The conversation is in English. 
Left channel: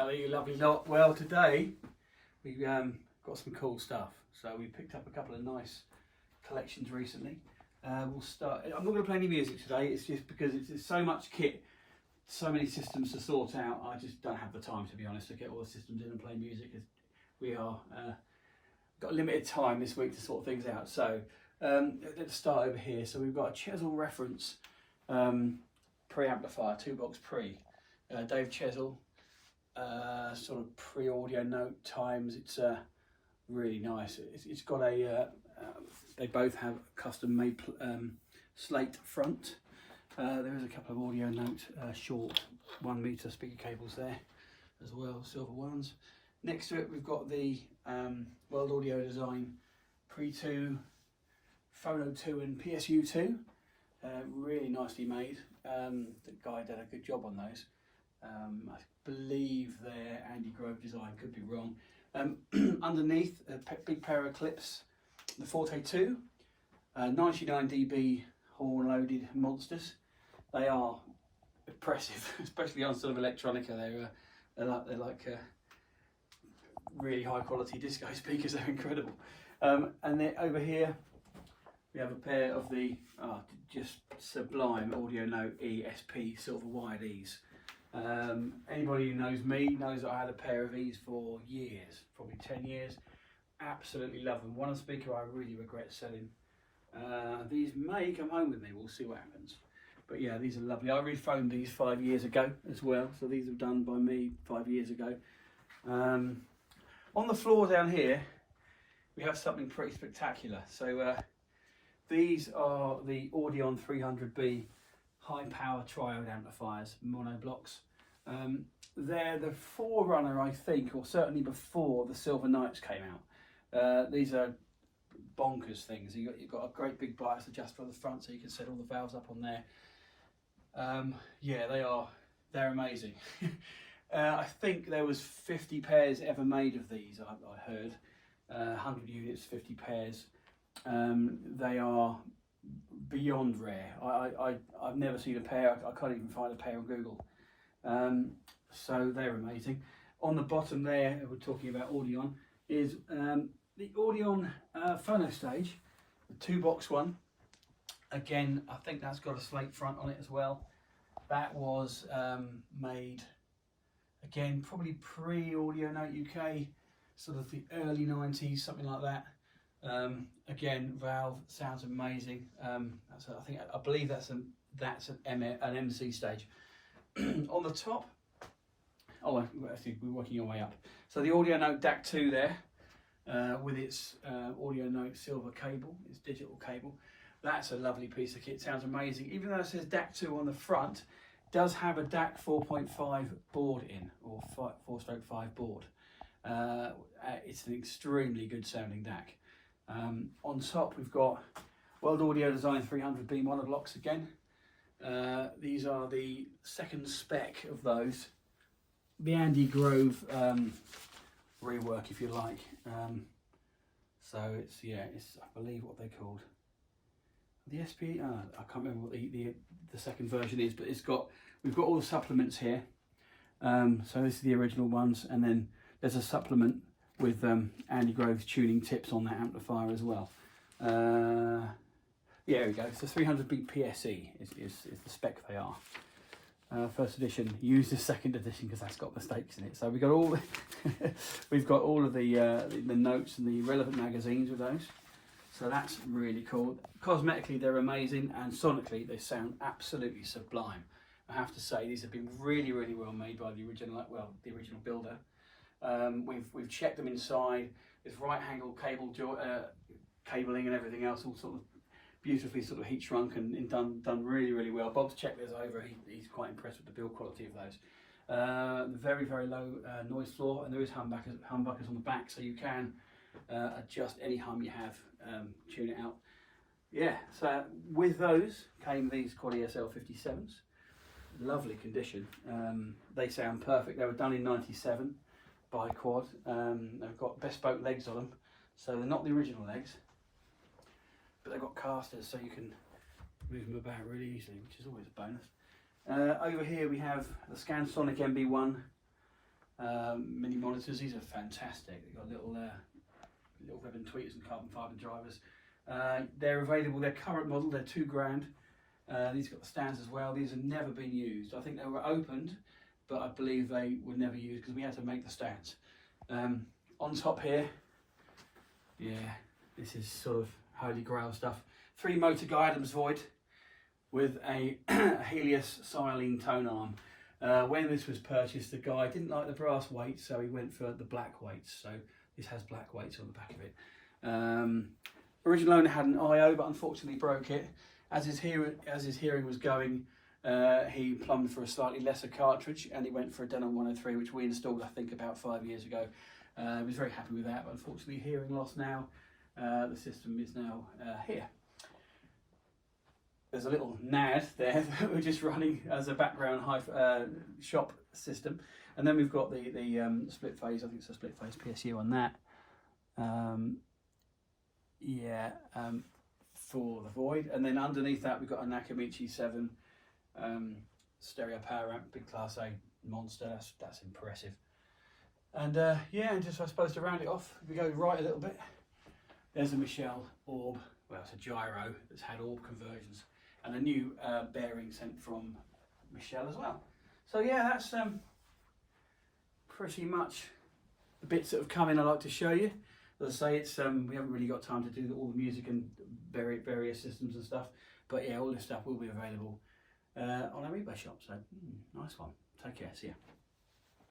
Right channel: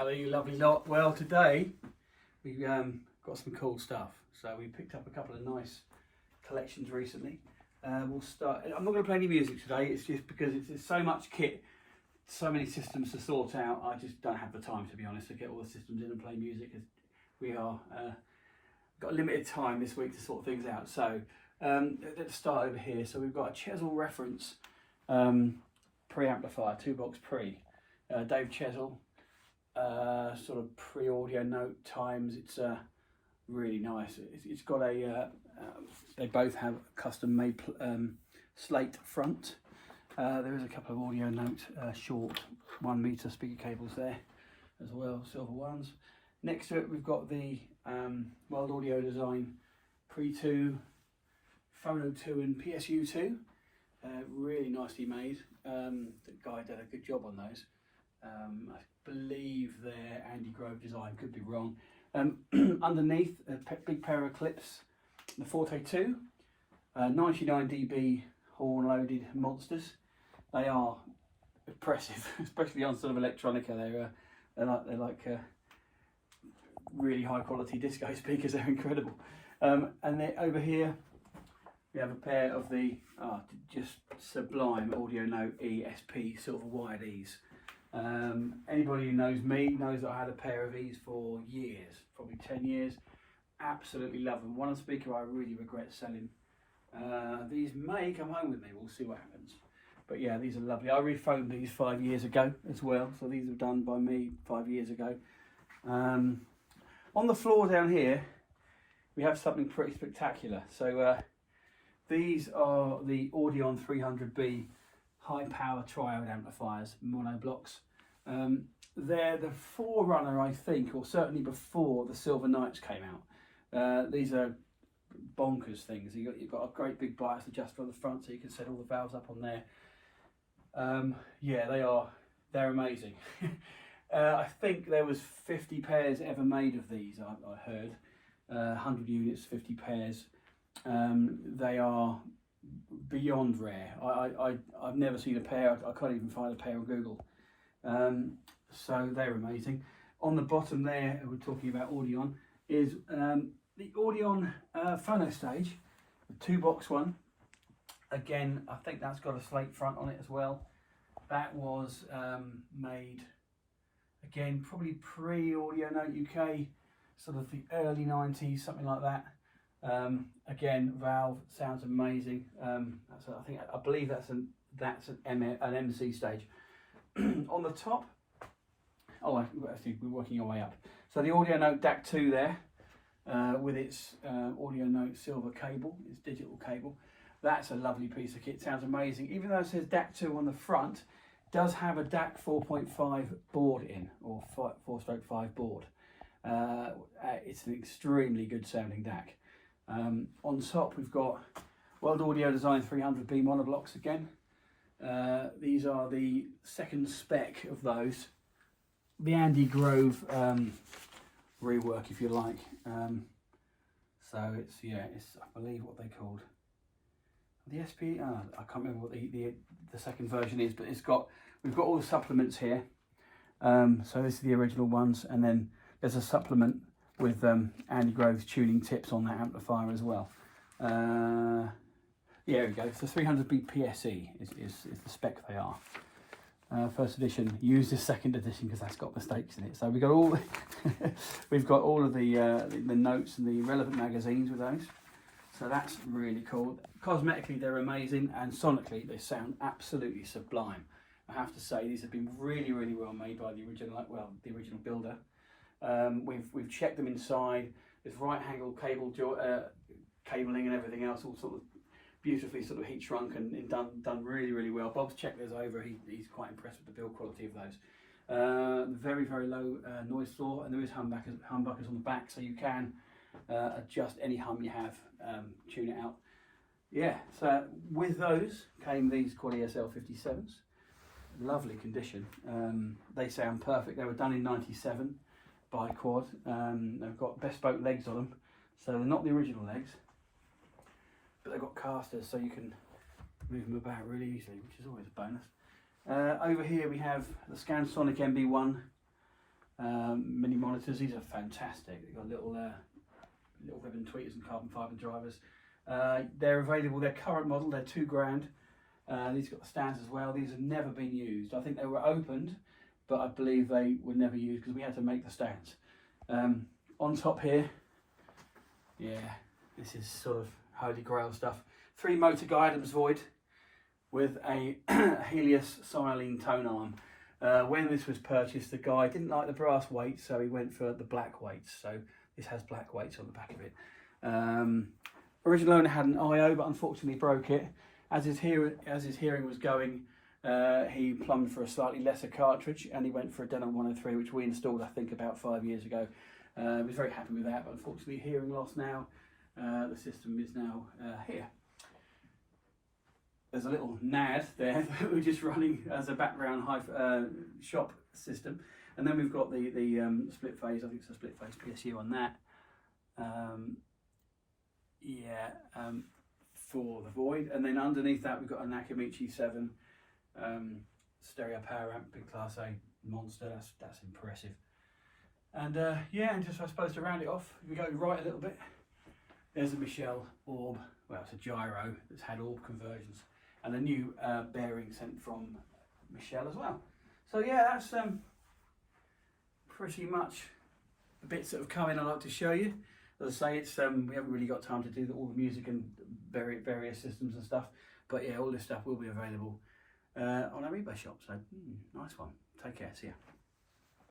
Hello, you lovely lot. Well, today we got some cool stuff. So we picked up a couple of nice collections recently. We'll start. I'm not going to play any music today. It's just because it's so much kit, so many systems to sort out. I just don't have the time, to be honest, to get all the systems in and play music. As we are got limited time this week to sort things out. So let's start over here. So we've got a Chessell Reference preamplifier, 2-box pre. Dave Chessell, sort of pre-audio note times. It's really nice. It's got a they both have custom made slate front. There is a couple of audio note short 1 meter speaker cables there as well, silver ones. Next to it we've got the World Audio Design Pre 2, Phono 2 and PSU 2. Really nicely made. The guy did a good job on those. I believe they're Andy Grove design, could be wrong. Underneath, a big pair of Klipsch Forte Ii, 99 dB horn loaded monsters. They are impressive, especially on sort of electronica. They're like really high quality disco speakers. They're incredible. And then over here we have a pair of the just sublime Audio Note ESP silver wired E's. Anybody who knows me knows that I had a pair of these for years, probably 10 years. Absolutely love them. One speaker I really regret selling. These may come home with me, we'll see what happens. But yeah, these are lovely. I rephoned these 5 years ago as well, so these were done by me 5 years ago. On the floor down here we have something pretty spectacular. So these are the Audion 300b high power triode amplifiers, mono blocks. They're the forerunner, I think, or certainly before the Silver Knights came out. These are bonkers things. You've got a great big bias adjuster on the front, so you can set all the valves up on there. Yeah, they're amazing. I think there was 50 pairs ever made of these. I heard 100 units, 50 pairs. They are beyond rare. I've never seen a pair. I can't even find a pair on Google. So they're amazing. On the bottom there, we're talking about Audion, is the Audion phono stage, the 2-box one. Again, I think that's got a slate front on it as well. That was made, again, probably pre-Audio Note UK, sort of the early 90s, something like that. Again, valve sounds amazing. I believe that's an MC stage. On the top, actually we're working our way up. So the Audio Note DAC 2 there, with its Audio Note silver cable, its digital cable. That's a lovely piece of kit. Sounds amazing. Even though it says DAC 2 on the front, it does have a DAC 4.5 board in, or 4/5 board. It's an extremely good sounding DAC. On top we've got World Audio Design 300b monoblocks again. These are the second spec of those. The Andy Grove rework, if you like. So it's I believe what they're called. The SP, I can't remember what the second version is, but we've got all the supplements here. So this is the original ones, and then there's a supplement with Andy Grove's tuning tips on that amplifier as well. Yeah, here we go. So 300b PSE is the spec they are. First edition. Use this second edition because that's got mistakes in it. So we've got all we've got all of the notes and the relevant magazines with those. So that's really cool. Cosmetically they're amazing, and sonically they sound absolutely sublime. I have to say these have been really well made by the original builder. We've checked them inside with right angle cabling and everything else, all sort of beautifully sort of heat shrunk and done really well. Bob's checked those over. He's quite impressed with the build quality of those. Very low noise floor, and there is humbuckers on the back, so you can adjust any hum you have, tune it out. Yeah, so with those came these Quad ESL 57s. Lovely condition. They sound perfect. They were done in '97 by Quad. They've got bespoke legs on them, so they're not the original legs, but they've got casters so you can move them about really easily, which is always a bonus. Over here we have the Scansonic HB-1 mini monitors. These are fantastic. They've got little ribbon tweeters and carbon fibre drivers. They're available. Their current model, they're £2,000. These got the stands as well. These have never been used. I think they were opened, but I believe they were never used because we had to make the stands. On top here, yeah, this is sort of holy grail stuff. 3 motor guidance Voyd with a Helios silene tone arm. When this was purchased, the guy didn't like the brass weights, so he went for the black weights. So this has black weights on the back of it. Original owner had an IO, but unfortunately broke it. As his hearing was going, he plumbed for a slightly lesser cartridge, and he went for a Denon 103, which we installed, I think, about 5 years ago. He was very happy with that, but unfortunately, hearing loss now. The system is now here. There's a little NAD there that we're just running as a background shop system, and then we've got the split phase. I think it's a split phase PSU on that. For the Voyd, and then underneath that we've got a Nackamichi 7 stereo power amp, big class A monster. That's impressive. And yeah, and just I suppose to round it off, if we go right a little bit, there's a Michell orb. Well, it's a gyro that's had orb conversions, and a new bearing sent from Michell as well. So yeah, that's pretty much the bits that have come in. I'd like to show you. As I say, it's we haven't really got time to do all the music and various systems and stuff, but yeah, all this stuff will be available on our eBay shop. So nice one. Take care. See ya.